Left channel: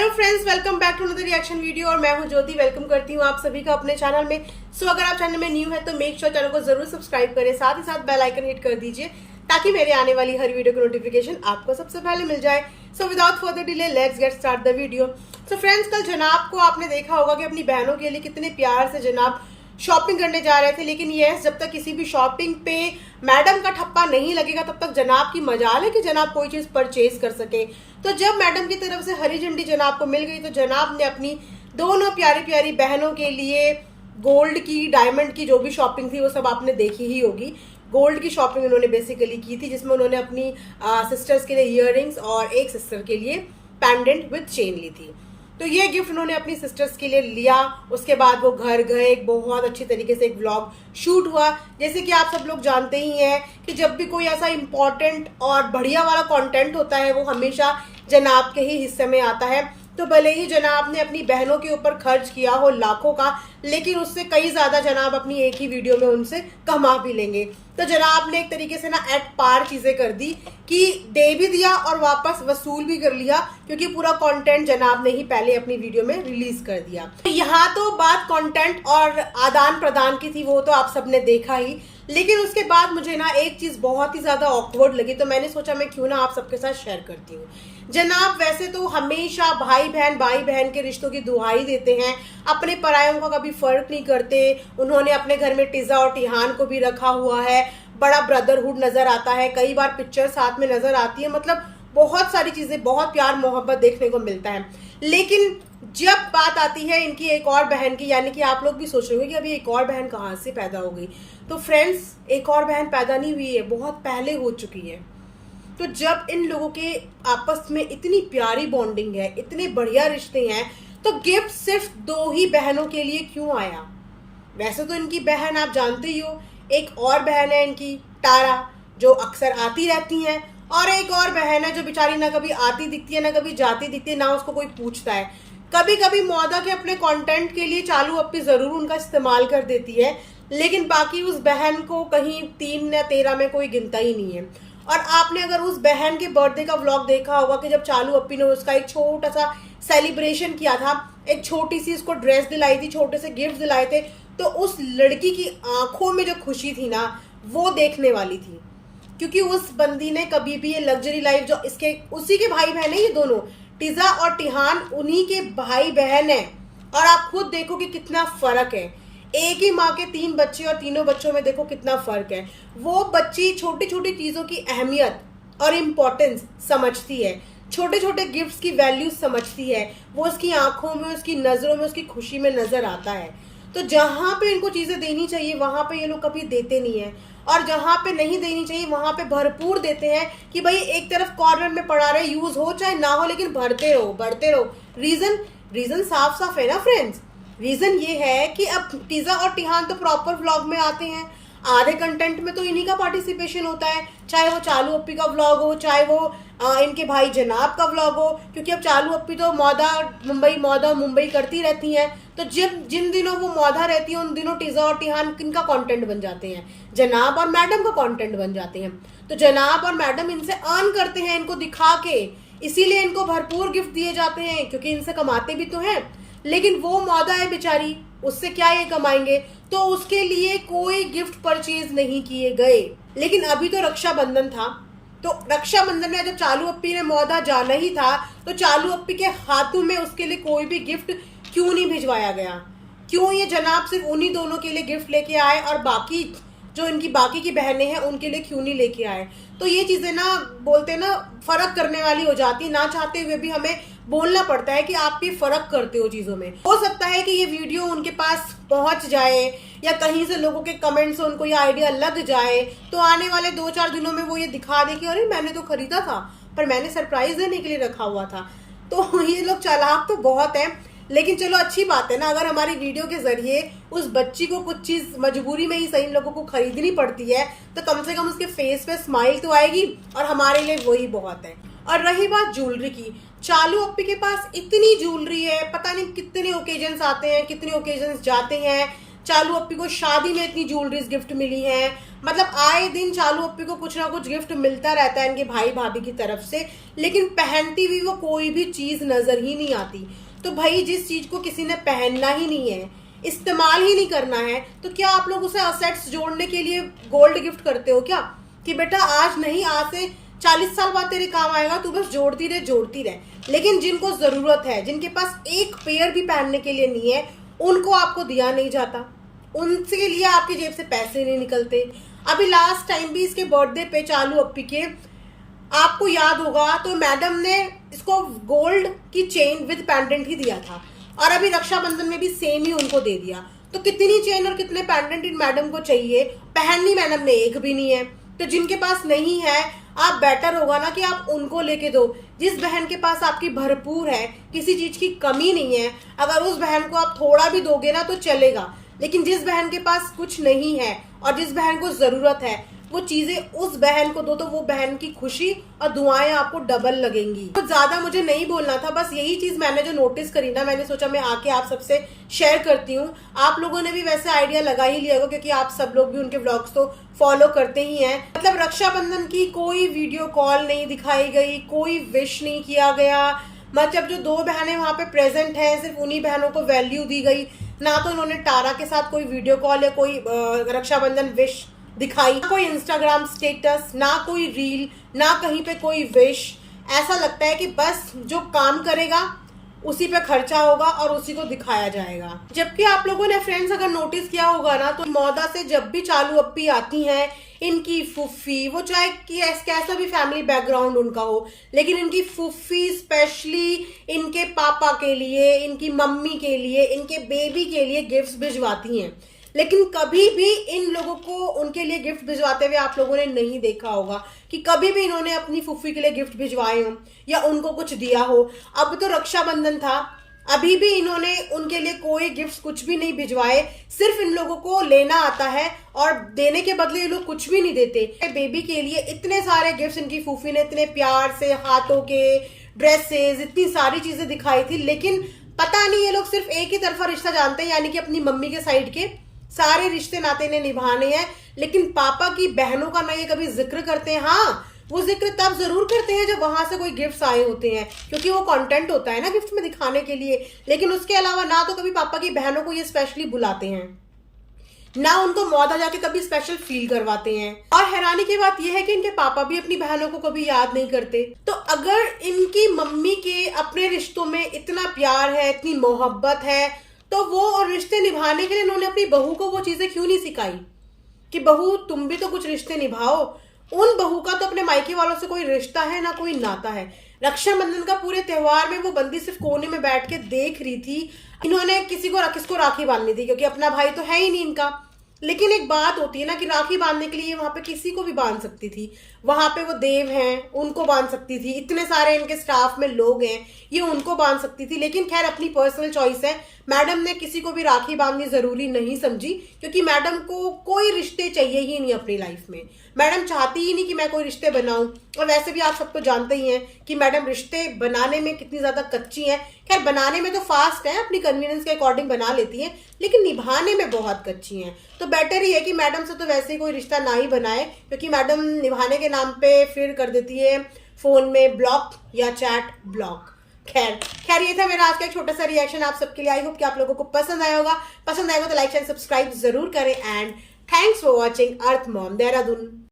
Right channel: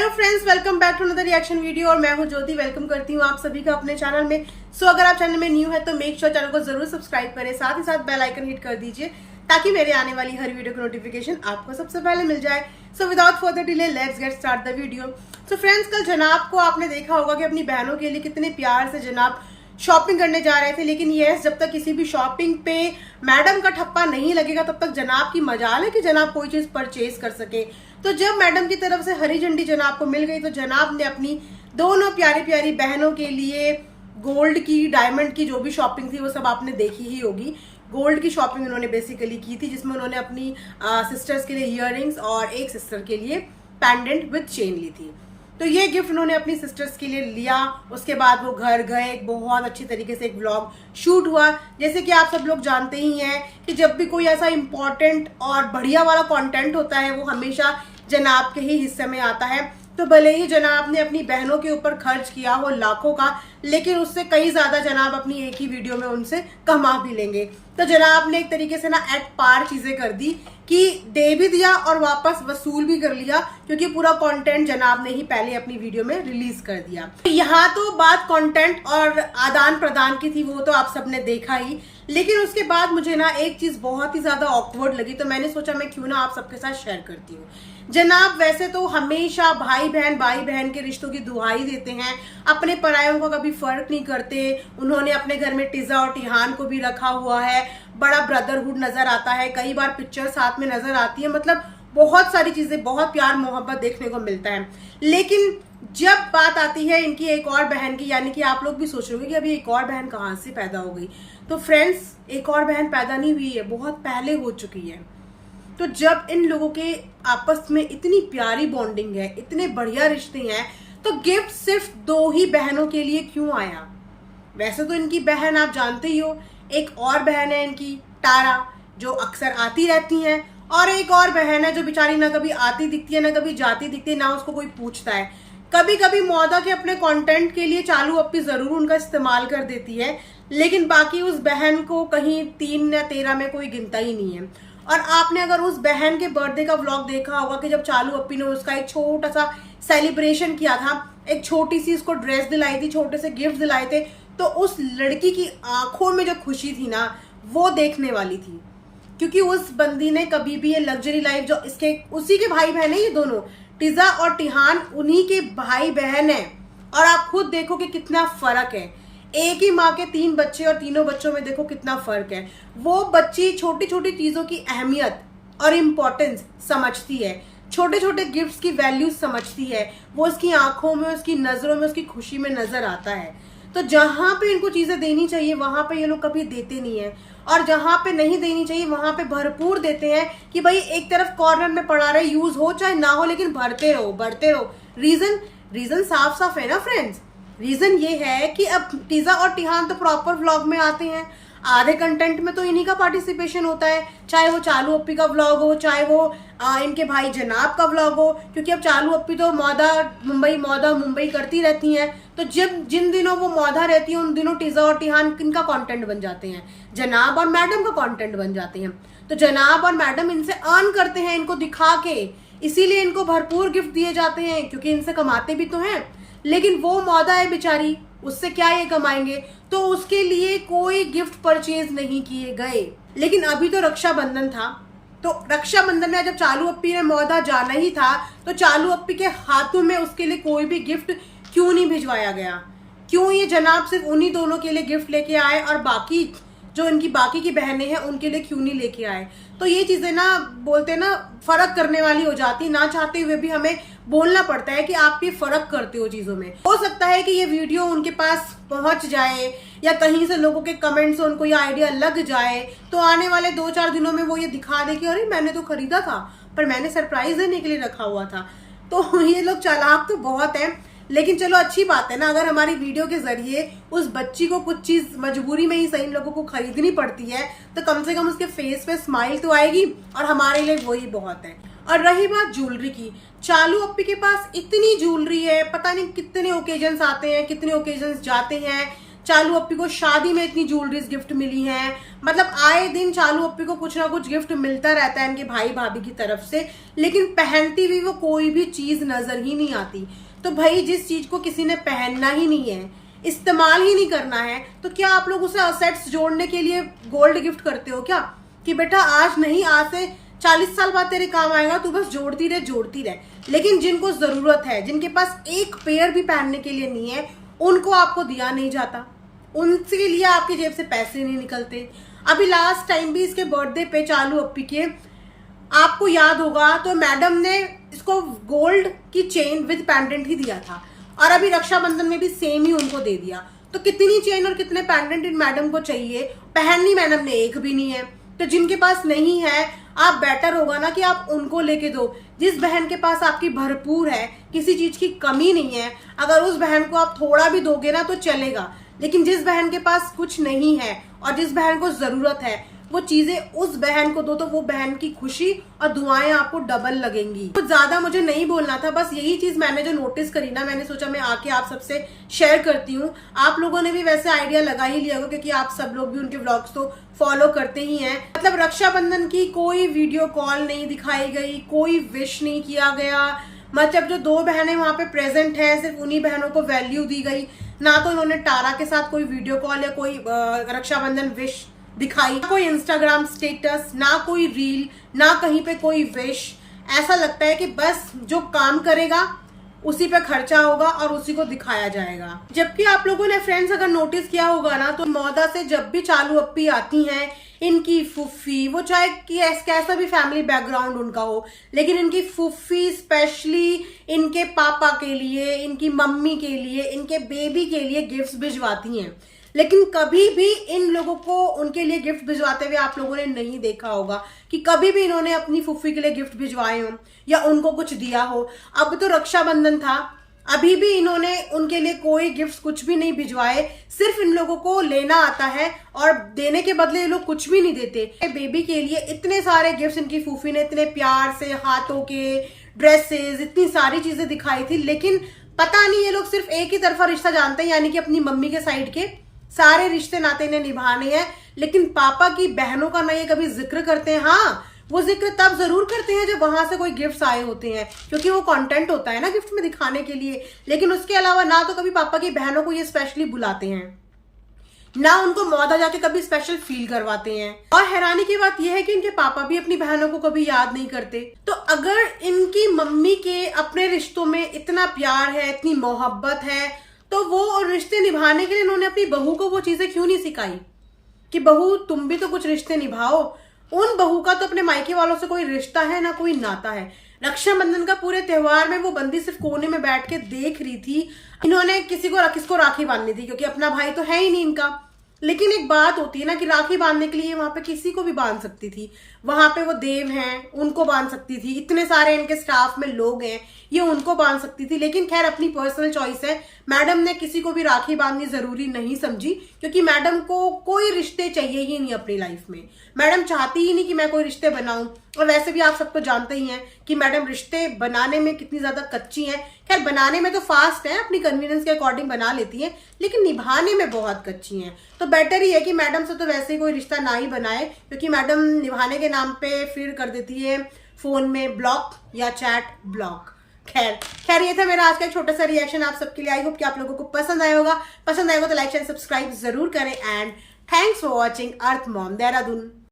Hello friends, welcome back to another reaction video. और मैं हूं ज्योति, वेलकम करती हूं आप सभी का अपने चैनल में। अगर आप चैनल में न्यू है तो मेक श्योर चैनल को जरूर सब्सक्राइब करें, साथ ही साथ बेल आइकन हिट कर दीजिए ताकि मेरे आने वाली हर वीडियो की नोटिफिकेशन आपको सबसे पहले मिल जाए। Without further delay let's get start the video. Friends, कल जनाब को आपने देखा होगा कि अपनी बहनों के लिए कितने प्यार से जनाब शॉपिंग करने जा रहे थे, लेकिन यस, जब तक किसी भी शॉपिंग पे मैडम का ठप्पा नहीं लगेगा तब तक जनाब की मजाल है कि जनाब कोई चीज परचेज कर सके। तो जब मैडम की तरफ से हरी झंडी जनाब को मिल गई तो जनाब ने अपनी दोनों प्यारी प्यारी बहनों के लिए गोल्ड की, डायमंड की जो भी शॉपिंग थी वो सब आपने देखी ही होगी। गोल्ड की शॉपिंग उन्होंने बेसिकली की थी, जिसमें उन्होंने अपनी सिस्टर्स के लिए इयररिंग्स और एक सिस्टर के लिए पैंडेंट विद चेन ली थी। तो ये गिफ्ट उन्होंने अपनी सिस्टर्स के लिए लिया। उसके बाद वो घर गए, एक बहुत अच्छी तरीके से एक व्लॉग शूट हुआ। जैसे कि आप सब लोग जानते ही हैं कि जब भी कोई ऐसा इंपॉर्टेंट और बढ़िया वाला कंटेंट होता है वो हमेशा जनाब के ही हिस्से में आता है। तो भले ही जनाब ने अपनी बहनों के ऊपर खर्च किया हो लाखों का, लेकिन उससे कई ज्यादा जनाब अपनी एक ही वीडियो में उनसे कमा भी लेंगे। तो जनाब ने एक तरीके से ना एट पार चीजें कर दी कि दे भी दिया और वापस वसूल भी कर लिया, क्योंकि पूरा कंटेंट जनाब ने ही पहले अपनी वीडियो में रिलीज कर दिया। यहाँ तो बात कंटेंट और आदान प्रदान की थी, वो तो आप सबने देखा ही, लेकिन उसके बाद मुझे ना एक चीज बहुत ही ज्यादा ऑकवर्ड लगी, तो मैंने सोचा मैं क्यों ना आप सबके साथ शेयर करती हूँ। जनाब वैसे तो हमेशा भाई बहन के रिश्तों की दुहाई देते हैं, अपने परायों का कभी फर्क नहीं करते। उन्होंने अपने घर में टिजा और टिहान को भी रखा हुआ है, बड़ा ब्रदरहुड नजर आता है, कई बार पिक्चर साथ में नजर आती है, मतलब बहुत सारी चीजें, बहुत प्यार मोहब्बत देखने को मिलता है। लेकिन जब बात आती है इनकी एक और बहन की, यानी कि आप लोग भी सोच रहे होंगे कि अभी एक और बहन कहां से पैदा हो गई, तो फ्रेंड्स एक और बहन पैदा नहीं हुई है, बहुत पहले हो चुकी है। तो जब इन लोगों के आपस में इतनी प्यारी बॉन्डिंग है, इतने बढ़िया रिश्ते हैं, तो गिफ्ट सिर्फ दो ही बहनों के लिए क्यों आया? वैसे तो इनकी बहन आप जानते ही हो, एक और बहन है इनकी तारा, जो अक्सर आती रहती हैं, और एक और बहन है जो बेचारी ना कभी आती दिखती है ना कभी जाती दिखती है, ना उसको कोई पूछता है। कभी कभी मौदा के अपने कंटेंट के लिए चालू अपनी जरूर उनका इस्तेमाल कर देती है, लेकिन बाकी उस बहन को कहीं 3 या 13 में कोई गिनता ही नहीं है। और आपने अगर उस बहन के बर्थडे का व्लॉग देखा होगा कि जब चालू अपी ने उसका एक छोटा सा सेलिब्रेशन किया था, एक छोटी सी उसको ड्रेस दिलाई थी, छोटे से गिफ्ट दिलाए थे, तो उस लड़की की आंखों में जो खुशी थी ना, वो देखने वाली थी। क्योंकि उस बंदी ने कभी भी ये लग्जरी लाइफ, जो इसके उसी के भाई बहन है, ये दोनों टिजा और टिहान उन्हीं के भाई बहन है। और आप खुद देखो कि कितना फर्क है, एक ही माँ के 3 बच्चे और तीनों बच्चों में देखो कितना फर्क है। वो बच्ची छोटी छोटी चीजों की अहमियत और इम्पोर्टेंस समझती है, छोटे छोटे गिफ्ट्स की वैल्यू समझती है, वो उसकी आंखों में, उसकी नजरों में, उसकी खुशी में नजर आता है। तो जहां पे इनको चीजें देनी चाहिए वहां पे ये लोग कभी देते नहीं है, और जहां पे नहीं देनी चाहिए वहां पे भरपूर देते हैं कि भाई एक तरफ कॉर्नर में पड़ा रहे, यूज हो चाहे ना हो, लेकिन भरते रहो बढ़ते रहो। रीजन साफ साफ है ना फ्रेंड्स। रीजन ये है कि अब टिजा और टिहान तो प्रॉपर व्लॉग में आते हैं, आधे कंटेंट में तो इन्हीं का पार्टिसिपेशन होता है, चाहे वो चालू अप्पी का व्लॉग हो, चाहे वो इनके भाई जनाब का व्लॉग हो, क्योंकि अब चालू अप्पी तो मौदा मुंबई करती रहती हैं। तो जब जिन दिनों वो मौदा रहती है उन दिनों टिजा और टिहान किनका कंटेंट बन जाते हैं? जनाब और मैडम का कंटेंट बन जाते हैं। तो जनाब और मैडम इनसे अर्न करते हैं इनको दिखा के, इसीलिए इनको भरपूर गिफ्ट दिए जाते हैं, क्योंकि इनसे कमाते भी तो हैं। लेकिन वो मौदा है बेचारी, उससे क्या ये कमाएंगे, तो उसके लिए कोई गिफ्ट परचेज नहीं किए गए। लेकिन अभी तो रक्षाबंधन था, तो रक्षाबंधन में जब चालू अप्पी ने मौदा जाना ही था, तो चालू अप्पी के हाथों में उसके लिए कोई भी गिफ्ट क्यों नहीं भिजवाया गया? क्यों ये जनाब सिर्फ उन्हीं दोनों के लिए गिफ्ट लेके आए और बाकी जो इनकी बाकी की बहनें हैं उनके लिए क्यों नहीं लेके आए? तो ये चीजें ना, बोलते ना, फर्क करने वाली हो जाती, ना चाहते हुए भी हमें बोलना पड़ता है कि आप ये फर्क करते हो चीजों में। हो सकता है कि ये वीडियो उनके पास पहुंच जाए या कहीं से लोगों के कमेंट से उनको ये आइडिया लग जाए, तो आने वाले 2-4 दिनों में वो ये दिखा दे कि अरे मैंने तो खरीदा था, पर मैंने सरप्राइज देने के लिए रखा हुआ था। तो ये लोग चालाक तो बहुत है, लेकिन चलो अच्छी बात है ना, अगर हमारी वीडियो के जरिए उस बच्ची को कुछ चीज मजबूरी में ही सही लोगों को खरीदनी पड़ती है, तो कम से कम उसके फेस पे स्माइल तो आएगी, और हमारे लिए वही बहुत है। और रही बात ज्वेलरी की, चालू अप्पी के पास इतनी ज्वेलरी है, पता नहीं कितने ओकेजन्स आते हैं, कितने ओकेजन्स जाते हैं। चालू अप्पी को शादी में इतनी ज्वेलरीज गिफ्ट मिली हैं, मतलब आए दिन चालू अप्पी को कुछ ना कुछ गिफ्ट मिलता रहता है इनके भाई भाभी की तरफ से, लेकिन पहनती हुई वो कोई भी चीज नजर ही नहीं आती। तो भाई जिस चीज को किसी ने पहनना ही नहीं है, इस्तेमाल ही नहीं करना है, तो क्या आप लोग उसे असेट्स जोड़ने के लिए गोल्ड गिफ्ट करते हो क्या? कि बेटा आज नहीं, आज से 40 साल बाद तेरे काम आएगा, तू बस जोड़ती रहे। लेकिन जिनको जरूरत है, जिनके पास एक पेयर भी पहनने के लिए नहीं है, उनको आपको दिया नहीं जाता, उनके लिए आपकी जेब से पैसे नहीं निकलते। अभी लास्ट टाइम भी इसके बर्थडे पे चालू अप्पी के, आपको याद होगा तो मैडम ने इसको गोल्ड की चेन विद पेंडेंट ही दिया था, और अभी रक्षाबंधन में भी सेम ही उनको दे दिया। तो कितनी चेन और कितने पेंडेंट इन मैडम को चाहिए, पहननी मैडम ने एक भी नहीं है। तो जिनके पास नहीं है, आप बेटर होगा ना कि आप उनको लेके दो। जिस बहन के पास आपकी भरपूर है, किसी चीज की कमी नहीं है, अगर उस बहन को आप थोड़ा भी दोगे ना तो चलेगा। लेकिन जिस बहन के पास कुछ नहीं है और जिस बहन को जरूरत है, वो चीजें उस बहन को दो, तो वो बहन की खुशी और दुआएं आपको डबल लगेंगी। तो ज्यादा मुझे नहीं बोलना था, बस यही चीज मैंने जो नोटिस करी ना, मैंने सोचा मैं आके आप सबसे शेयर करती हूँ। आप लोगों ने भी वैसे आइडिया लगा ही लिया होगा, क्योंकि आप सब लोग भी उनके व्लॉग्स तो फॉलो करते ही हैं। मतलब रक्षाबंधन की कोई वीडियो कॉल नहीं दिखाई गई, कोई विश नहीं किया गया। मतलब जो 2 बहनें वहां पे प्रेजेंट हैं, सिर्फ उन्हीं बहनों को वैल्यू दी गई। ना तो उन्होंने तारा के साथ कोई वीडियो कॉल या कोई रक्षाबंधन विश दिखाई, कोई इंस्टाग्राम स्टेटस, ना कोई रील, ना कहीं पे कोई विश। ऐसा लगता है कि बस जो काम करेगा उसी पे खर्चा होगा और उसी को दिखाया जाएगा। जबकि आप लोगों ने फ्रेंड्स अगर नोटिस किया होगा ना, तो मौदा से जब भी चालू अप्पी आती हैं, इनकी फुफ्फी, वो चाहे कि कैसा भी फैमिली बैकग्राउंड उनका हो, लेकिन इनकी फुफ्फी स्पेशली इनके पापा के लिए, इनकी मम्मी के लिए, इनके बेबी के लिए गिफ्ट्स भिजवाती हैं। लेकिन कभी भी इन लोगों को उनके लिए गिफ्ट भिजवाते हुए आप लोगों ने नहीं देखा होगा कि कभी भी इन्होंने अपनी फुफ्फी के लिए गिफ्ट भिजवाए हो या उनको कुछ दिया हो। अब तो रक्षाबंधन था, अभी भी इन्होंने उनके लिए कोई गिफ्ट कुछ भी नहीं भिजवाए। सिर्फ इन लोगों को लेना आता है और देने के बदले ये लोग कुछ भी नहीं देते। बेबी के लिए इतने सारे गिफ्ट इनकी फूफी ने इतने प्यार से, हाथों के, ड्रेसेस, इतनी सारी चीजें दिखाई थी। लेकिन पता नहीं ये लोग सिर्फ एक ही तरफा रिश्ता जानते हैं, यानी कि अपनी मम्मी के साइड के सारे रिश्ते नाते इन्हें निभाने हैं, लेकिन पापा की बहनों का ना ये कभी जिक्र करते हैं। हाँ, वो जिक्र तब जरूर करते हैं जब वहां से कोई गिफ्ट्स आए होते हैं, क्योंकि वो कंटेंट होता है ना गिफ्ट में दिखाने के लिए। लेकिन उसके अलावा ना तो कभी पापा की बहनों को ये स्पेशली बुलाते हैं, ना उनको मौदा जाके कभी स्पेशल फील करवाते हैं। और हैरानी की बात यह है कि इनके पापा भी अपनी बहनों को कभी याद नहीं करते। तो अगर इनकी मम्मी के अपने रिश्तों में इतना प्यार है, इतनी मोहब्बत है, तो वो रिश्ते निभाने के लिए इन्होंने अपनी बहू को वो चीजें क्यों नहीं सिखाई कि बहू तुम भी तो कुछ रिश्ते निभाओ। उन बहू का तो अपने मायके वालों से कोई रिश्ता है ना कोई नाता है। रक्षाबंधन का पूरे त्योहार में वो बंदी सिर्फ कोने में बैठ के देख रही थी। इन्होंने किसको राखी बांधनी थी, क्योंकि अपना भाई तो है ही नहीं इनका। लेकिन एक बात होती है ना कि राखी बांधने के लिए वहां पे किसी को भी बांध सकती थी। वहां पे वो देव हैं, उनको बांध सकती थी। इतने सारे इनके स्टाफ में लोग हैं, ये उनको बांध सकती थी। लेकिन खैर अपनी पर्सनल चॉइस है। मैडम ने किसी को भी राखी बांधनी जरूरी नहीं समझी, क्योंकि मैडम को कोई रिश्ते चाहिए ही नहीं अपनी लाइफ में। मैडम चाहती ही नहीं कि मैं कोई रिश्ते बनाऊं। और वैसे भी आप सब तो जानते ही हैं कि मैडम रिश्ते बनाने में कितनी ज्यादा कच्ची हैं। खैर बनाने में तो फास्ट है, अपनी कन्वीनियंस के अकॉर्डिंग बना लेती हैं, लेकिन निभाने में बहुत कच्ची हैं। तो बेटर ही है कि मैडम से तो वैसे ही कोई रिश्ता ना ही बनाए, क्योंकि मैडम निभाने के नाम पे फिर कर देती है फोन में ब्लॉक या चैट ब्लॉक। खैर ये था मेरा आज का एक छोटा सा रिएक्शन आप सबके लिए। आई होप कि आप लोगों को पसंद आया होगा। पसंद आएगा तो लाइक एंड सब्सक्राइब जरूर करें। And thanks for watching earth mom Dehradun.